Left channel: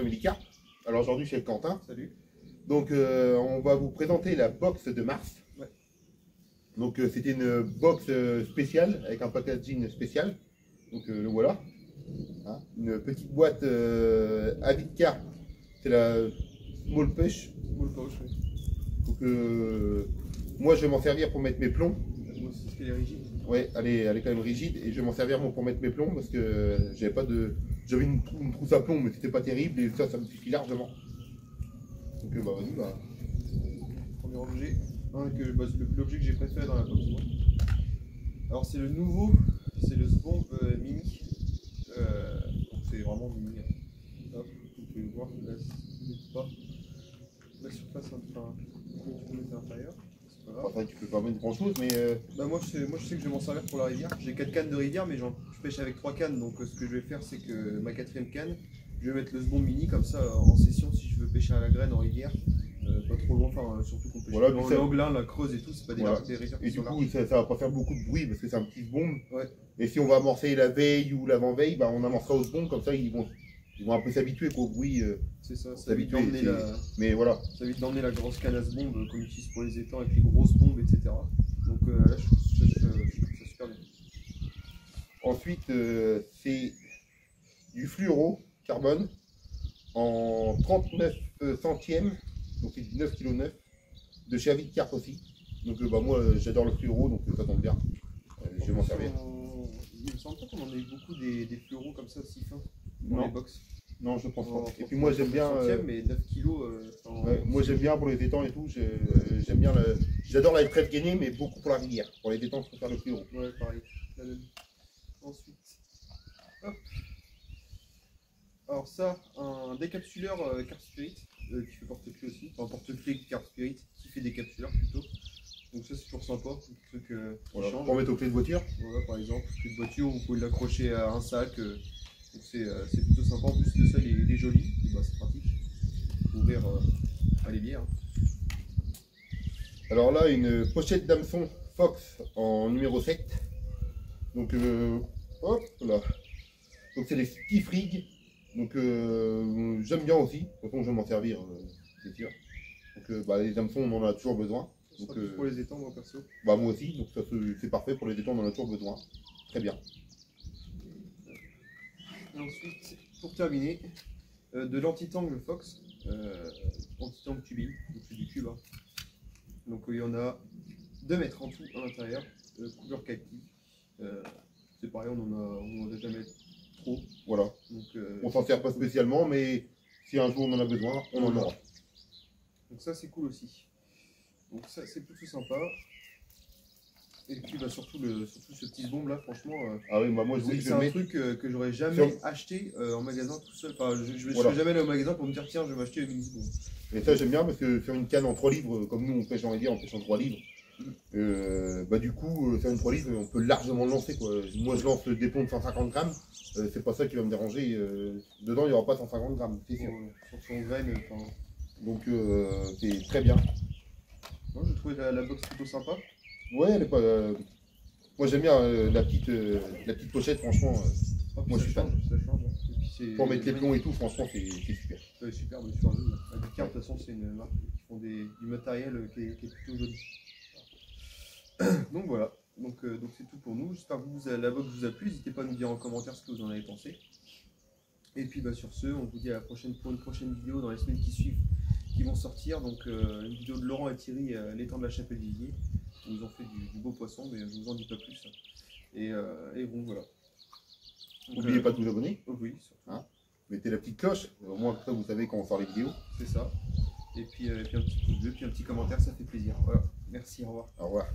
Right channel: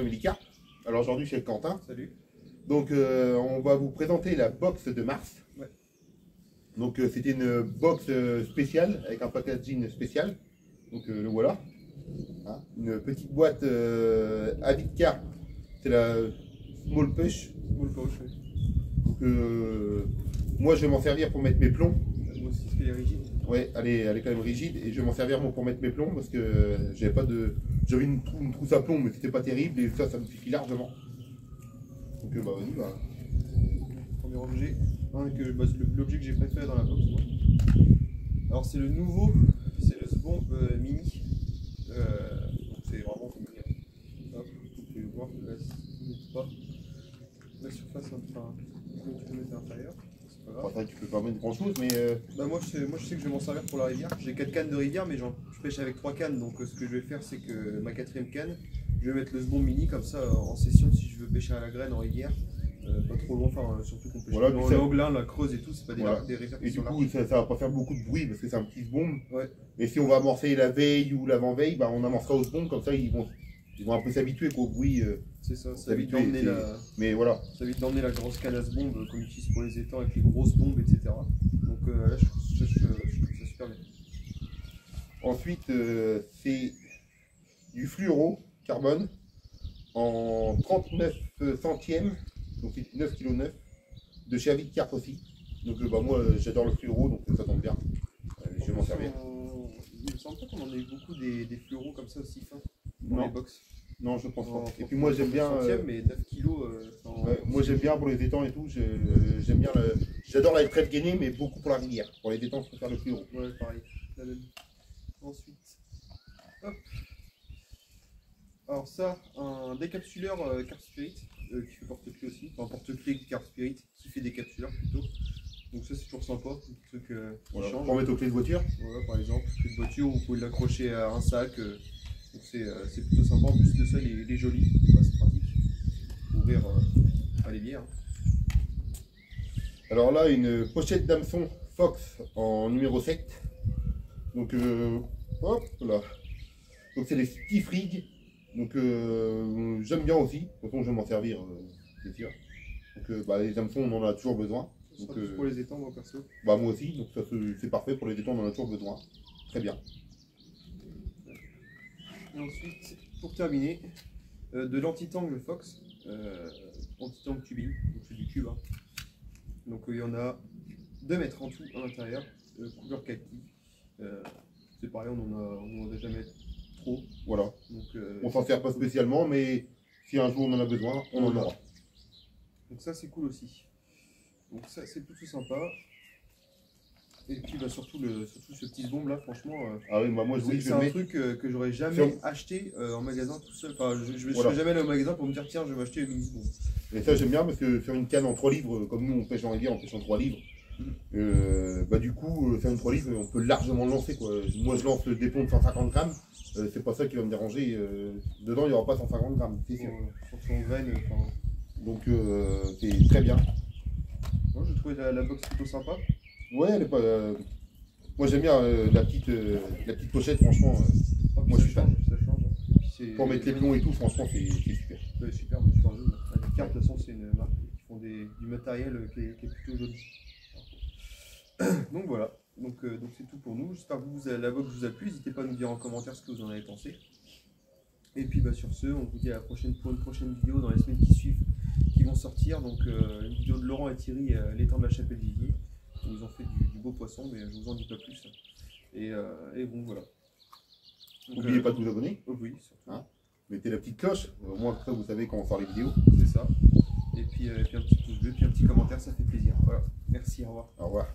Family Carp. Alors aujourd'hui, je suis avec Quentin. Salut. Donc, on va vous présenter la box de mars. Ouais. Donc, c'était une box spéciale avec un packaging spécial. Donc, le voilà. Hein, une petite boîte Avid Carp. C'est la Small Push. Small Pouch, oui. Donc, moi, je vais m'en servir pour mettre mes plombs. Moi aussi, elle est rigide. Ouais, elle est quand même rigide et je vais m'en servir moi, pour mettre mes plombs parce que j'avais pas de. J'avais une trousse à plombs mais c'était pas terrible et ça me suffit largement. Donc bah vas-y, bah. Premier objet, l'objet que j'ai préféré dans la box. Moi. Alors c'est le nouveau, c'est le Sbomb Mini. Donc c'est vraiment mini. Hop, vous pouvez le voir, là c'est pas. La surface enfin, tu peux mettre à l'intérieur. Enfin, tu peux pas mettre grand chose, mais. Bah moi je sais que je vais m'en servir pour la rivière. J'ai 4 cannes de rivière, mais je pêche avec 3 cannes. Donc ce que je vais faire, c'est que ma 4e canne, je vais mettre le Sbomb Mini comme ça en session si je veux pêcher à la graine en rivière. Pas trop loin, enfin surtout qu'on pêche voilà, dans l'Anglin, la Creuse et tout, c'est pas des, voilà. des rivières. Et du coup, ça va pas faire beaucoup de bruit parce que c'est un petit Sbomb. Ouais. Et si on va amorcer la veille ou l'avant-veille, bah on amorcera au Sbomb, comme ça ils vont un peu s'habituer au bruit. C'est ça, ça évite d'emmener Mais voilà. Ça évite d'emmener la grosse canne à Sbomb qu'on utilise pour les étangs avec les grosses bombes, etc. Donc là, je trouve ça super bien. Ensuite, c'est du fluoro carbone en 39 centièmes, donc c'est du 9,9 kg de chez Avid Carp aussi. Donc bah, moi j'adore le fluoro, donc ça tombe bien. Je vais m'en servir. Il me semble pas qu'on en ait beaucoup des fluoros comme ça aussi fins dans les box. Non, je pense pas. Et puis moi j'aime bien. Mais 9 kg. Ouais, moi j'aime bien pour les étangs et tout. J'aime bien j'adore la trêve gainée, mais beaucoup pour la rivière. Pour les étangs, je préfère le fluoro. Ouais, pareil. La même. Ensuite, hop. Alors ça, un décapsuleur Carp Spirit qui fait porte-clés aussi. Enfin porte-clés Carp Spirit qui fait décapsuleur plutôt. Donc ça c'est toujours sympa, un truc voilà, change. pour mettre aux clés de voiture. Voilà, par exemple, clé de voiture, vous pouvez l'accrocher à un sac. Donc c'est plutôt sympa. En plus de ça, il est joli, bah, c'est pratique pour ouvrir à l'évier. Hein. Alors là, une pochette d'hameçon Fox en numéro 7. Donc hop là. Donc c'est les Stiff Rig. Donc j'aime bien aussi. De toute façon, je vais m'en servir, c'est sûr. Donc bah, les hameçons, on en a toujours besoin. Donc, pour les étangs, moi perso. Bah moi aussi, donc ça c'est parfait pour les étangs, on en a toujours besoin. Très bien. Et ensuite, pour terminer, de l'anti-tangle Fox, anti-tangle tubing, donc c'est du cube. Hein. Donc il y en a 2 mètres en tout à l'intérieur, couleur kaki. C'est pareil, on n'en a jamais trop. Voilà. Donc, on s'en sert pas spécialement, mais si un jour on en a besoin, on en aura. Donc ça c'est cool aussi. Donc ça c'est plutôt sympa. Et puis bah, surtout ce petit Sbomb là, franchement. Ah oui, bah moi c'est un truc que j'aurais jamais acheté en magasin tout seul. Enfin, je ne serais jamais allé au magasin pour me dire tiens, je vais m'acheter le mini Sbomb. Et ça j'aime bien parce que faire une canne en 3 livres, comme nous on pêche en rivière, on pêche en 3 livres. Bah du coup, faire une 3 livres, on peut largement le lancer quoi. Moi je lance des plombs de 150 grammes, c'est pas ça qui va me déranger. Dedans il n'y aura pas 150 grammes, c'est sûr. Sur son graine, donc c'est très bien. Moi j'ai trouvé la box plutôt sympa. Ouais, elle est pas. Moi j'aime bien la petite pochette, franchement. Moi je suis fan. Ça change. Pour mettre les plombs et tout, franchement c'est super. C'est super, super joli. Avid Carp, de toute façon, c'est une marque qui font du matériel qui est plutôt joli. Donc voilà, donc c'est tout pour nous. J'espère que la box vous a plu. N'hésitez pas à nous dire en commentaire ce que vous en avez pensé. Et puis bah, sur ce, on vous dit à la prochaine pour une prochaine vidéo dans les semaines qui suivent qui vont sortir. Donc une vidéo de Laurent et Thierry, l'étang de la Chapelle-Vivier. Ils nous ont fait du beau poisson, mais je vous en dis pas plus. Et bon voilà. N'oubliez pas de vous abonner. Oui, surtout. Hein, mettez la petite cloche, au moins comme ça vous savez quand on sort les vidéos. C'est ça. Et puis un petit pouce bleu, puis un petit commentaire, ça fait plaisir. Voilà. Merci, au revoir. Au revoir.